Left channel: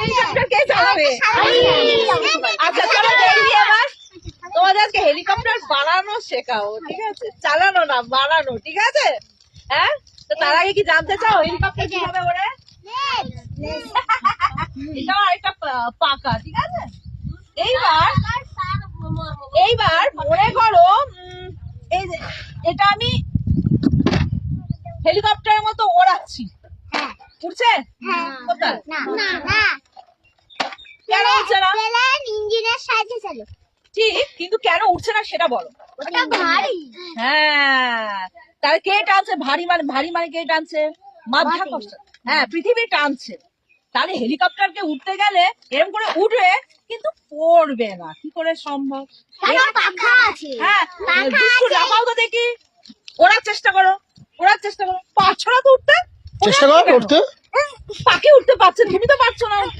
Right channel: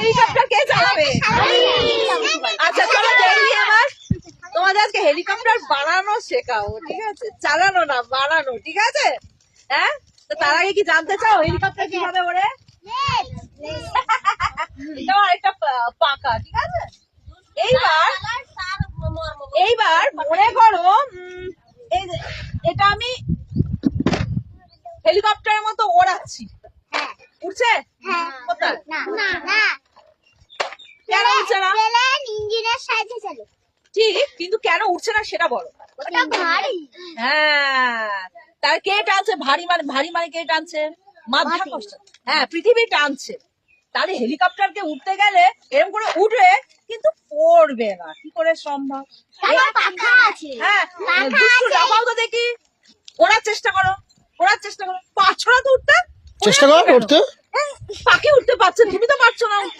Helicopter কে চালাবে? আচ্ছা চলো দেখি এবার তোমাদের আজকে হেলিকপ্টার বানানো শেখাবো ঠিক আছে? চালানো না বানানো ঠিক আছে? হ্যাঁ? তো তার আগে কি জানতে চাও হেলিকপ্টার কীভাবে এটা একটা পাকা ঠিক আছে? এইবার এইবার মনে করো এটা আমি হেলিকপ্টারের মতো ওড়াচ্ছি। উঠছে? কোথায়? কেন উঠছে না? ইঞ্জিনের সাহায্যে চলো। ঠিক কিন্তু কেন উঠছে না সেটা বলো। হ্যাঁ। তাহলে কে টানছে? ভারী মানে ভারী মানে কে টানছে? মাধ্যাকর্ষণ হ্যাঁ পৃথিবী টানছে। তাহলে হেলিকপ্টারকে উঠতে গেলে এরকম করে উঠবে কিন্তু পড়বে না। কি করে সম্ভব? পাখা হ্যাঁ লাফাও তো দেখি। ওড়ার চেষ্টা করো। ওড়ার চেষ্টা করো। পারছ না তো উঠতে? চেষ্টা করো কেন? হ্যাঁ, পাখি উঠতে পারছে না, তুমি তো পারছ না উঠতে।